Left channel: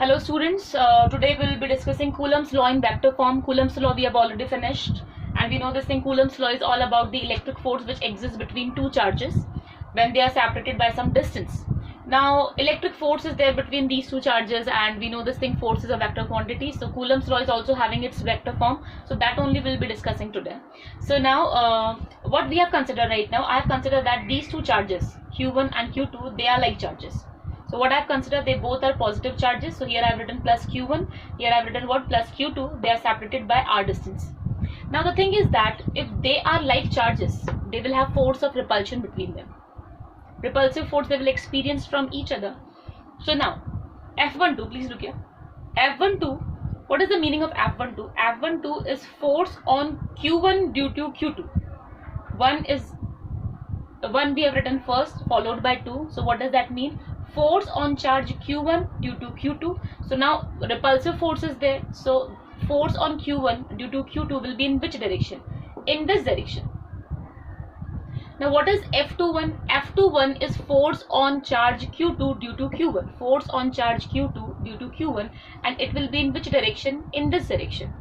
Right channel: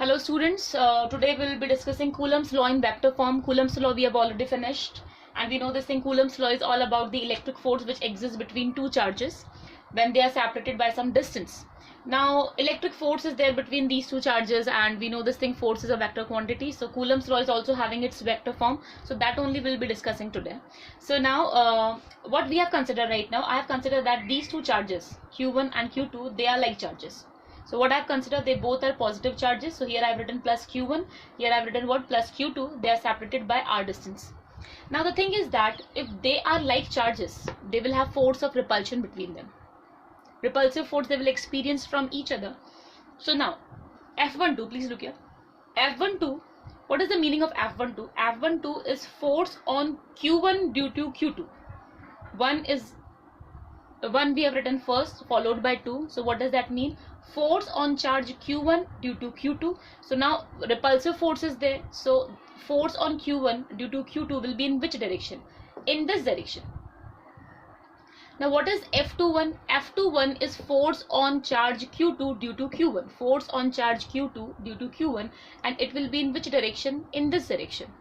Hello students, today we will be discussing Coulomb's law in vector form. Coulomb's law we have already finished, and we know this thing. Coulomb's law is all about the electric force which exists between two charges when they are separated by some distance. Now electric force is there between these two charges, and we know this thing force is a vector quantity. So Coulomb's law is also having its vector form, so that only we'll be discussing today. So now what we have considered right now, I have considered that these two charges Q1 and Q2, they are like charges. So what I've considered, they both are positive charges. So here I've written plus Q1, here I've written what, plus Q2. They are separated by r distance. Now the thing is that if they are like charges, they will have force of repulsion between them. Repulsive force they will experience from each other. So now F12, please look here. F12, what is the meaning of F12? F12 is force on Q1 due to Q2. One we have written first, followed by 2. So what does that mean? Force on charge Q1 due to Q2. So now repulsive force is there. So force on Q1 due to Q2 will be in which direction? In this direction. Now what is F21? F21 is force on charge Q2 due to Q1. Force on charge Q2 due to Q1, and it will be in which direction? In this direction.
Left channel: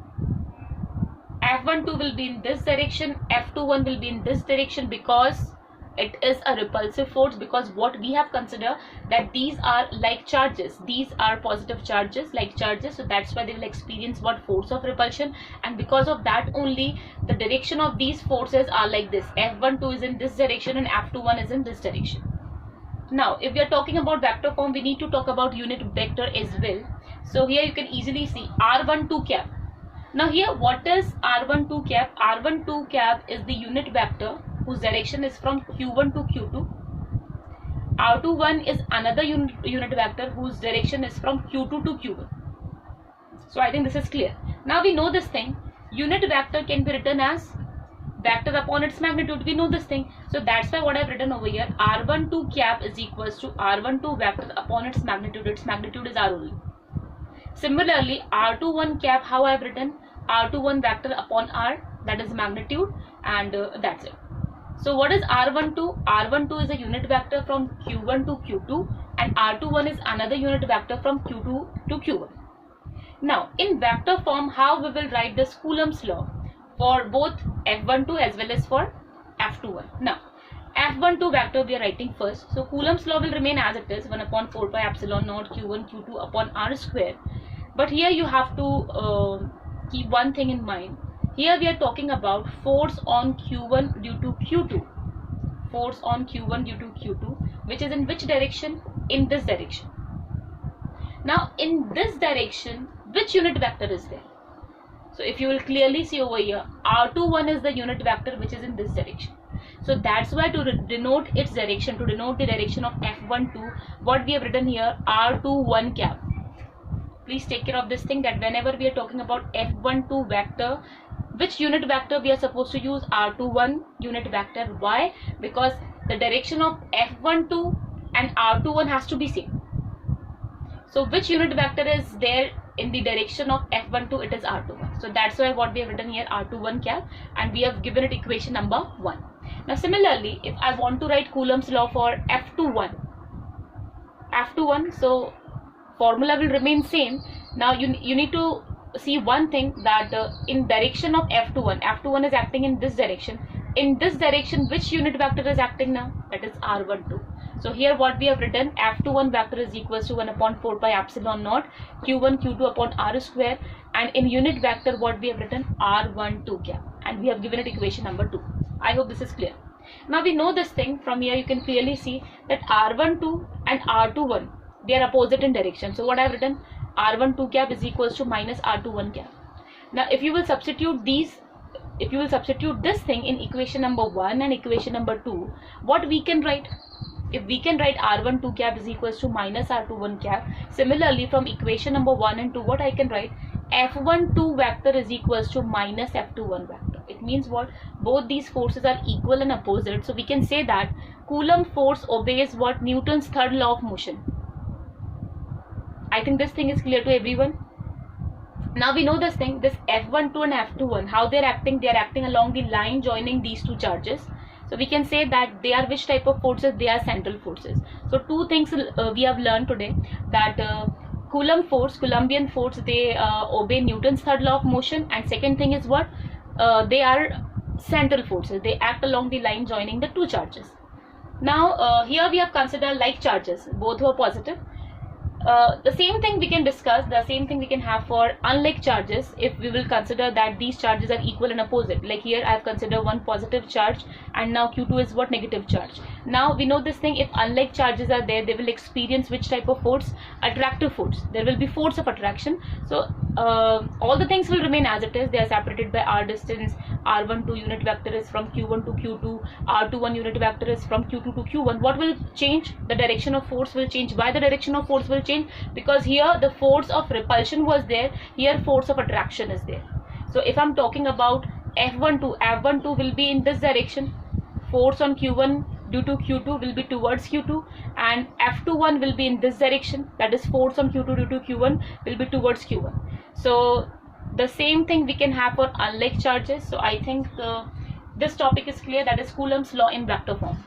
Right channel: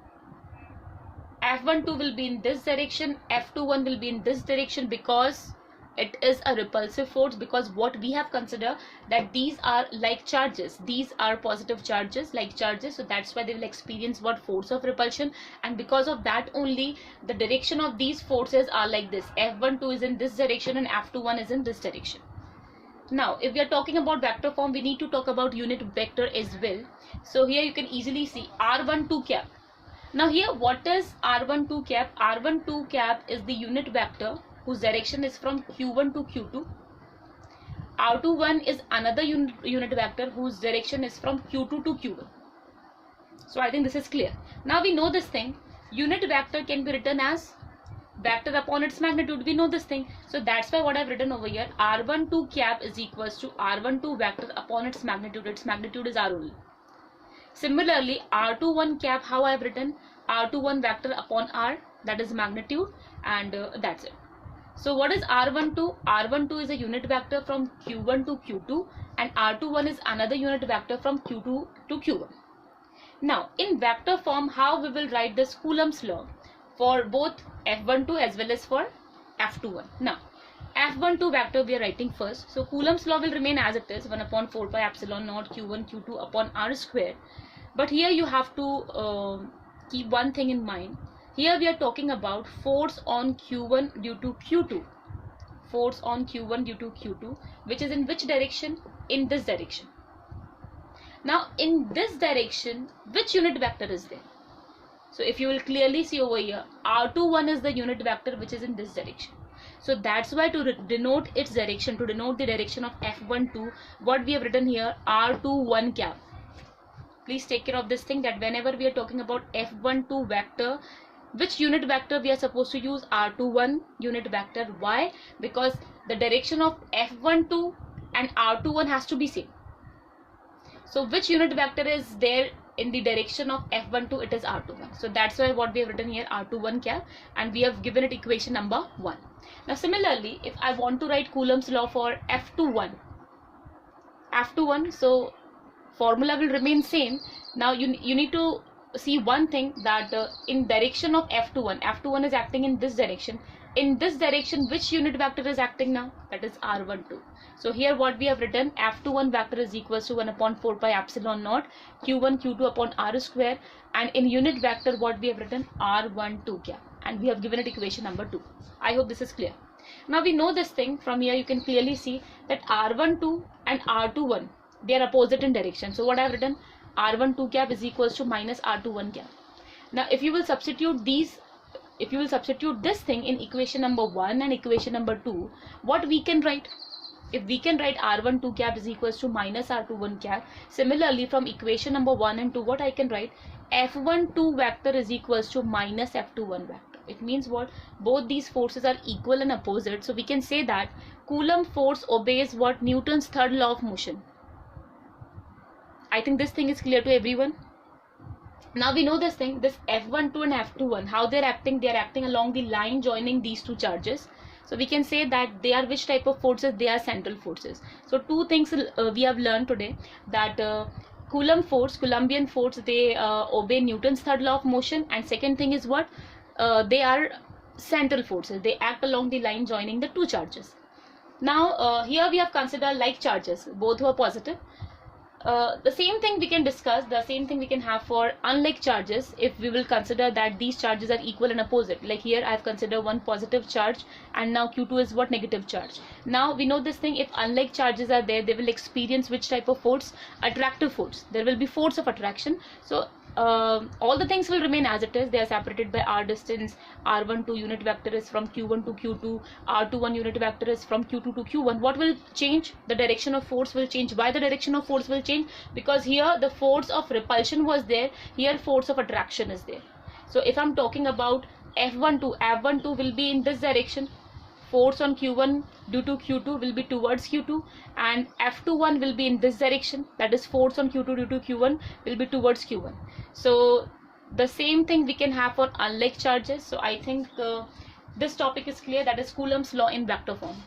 F12 will be in this direction. F21 will be in this direction because it is a repulsive force, because what we have considered that these are like charges, these are positive charges, like charges, so that's why they will experience what, force of repulsion, and because of that only the direction of these forces are like this. F12 is in this direction and F21 is in this direction. Now if we are talking about vector form, we need to talk about unit vector as well. So here you can easily see r12 cap. Now here what is r12 cap? R12 cap is the unit vector whose direction is from Q1 to Q2. R21 is another unit vector whose direction is from Q2 to Q1. So I think this is clear. Now we know this thing. Unit vector can be written as vector upon its magnitude. We know this thing. So that's why what I've written over here, R12 cap is equals to R12 vector upon its magnitude. Its magnitude is R only. Similarly, R21 cap, how I've written, R21 vector upon R, that is magnitude, and that's it. So what is R12? R12 is a unit vector from Q1 to Q2, and R21 is another unit vector from Q2 to Q1. Now in vector form, how we will write this Coulomb's law for both F12 as well as for F21. Now F12 vector we are writing first. So Coulomb's law will remain as it is, 1 upon 4 pi epsilon naught Q1 Q2 upon R square. But here you have to keep one thing in mind. Here we are talking about force on Q1 due to Q2. Force on Q1 due to Q2, which is in which direction? In this direction. Now in this direction, which unit vector is there? So if you will clearly see over here, R21 is the unit vector which is in this direction. So that's why to denote its direction, to denote the direction of F12, what we have written here, R21 cap. Please take care of this thing, that whenever we are talking about F12 vector, which unit vector we are supposed to use? R21 unit vector. Why? Because the direction of F12 and R21 has to be same. So which unit vector is there in the direction of F12? It is R21. So that's why what we have written here, R21 cap, and we have given it equation number 1. Now similarly, if I want to write Coulomb's law for F21, so formula will remain same. Now you need to see one thing, that in direction of F21 is acting in this direction. In this direction, which unit vector is acting now? That is R12. So here what we have written, F21 vector is equals to 1 upon 4 pi epsilon naught Q1 Q2 upon R square, and in unit vector what we have written, R12 cap, and we have given it equation number 2. I hope this is clear. Now we know this thing. From here you can clearly see that R12 and R21, they are opposite in direction. So what I have written, R12 cap is equals to minus R21 cap. Now if you will substitute this thing in equation number 1 and equation number 2, what we can write? If we can write R12 cap is equals to minus R21 cap, similarly from equation number 1 and 2, what I can write? F12 vector is equals to minus F21 vector. It means what? Both these forces are equal and opposite. So we can say that Coulomb force obeys what? Newton's third law of motion. I think this thing is clear to everyone. Now we know this thing, this F12 and F21, how they're acting. They are acting along the line joining these two charges. So we can say that they are which type of forces? They are central forces. So two things we have learned today, that Coulomb force, Coulombian force, they obey Newton's third law of motion. And second thing is what? They are central forces. They act along the line joining the two charges. Now here we have considered like charges, both were positive. The same thing we can discuss, the same thing we can have for unlike charges if we will consider that these charges are equal and opposite. Like here I have considered one positive charge, and now Q2 is what? Negative charge. Now we know this thing, if unlike charges are there, they will experience which type of force? Attractive force. There will be force of attraction. So all the things will remain as it is. They are separated by r distance. R12 unit vector is from Q1 to Q2. R21 unit vector is from Q2 to Q1. What will change? The direction of force will change. Why the direction of force will change? Because here the force of repulsion was there, here force of attraction is there. So if I'm talking about F12 will be in this direction, force on Q1 due to Q2 will be towards Q2, and F21 will be in this direction, that is force on Q2 due to Q1 will be towards Q1. So the same thing we can have for unlike charges. So I think this topic is clear, that is Coulomb's law in vector form.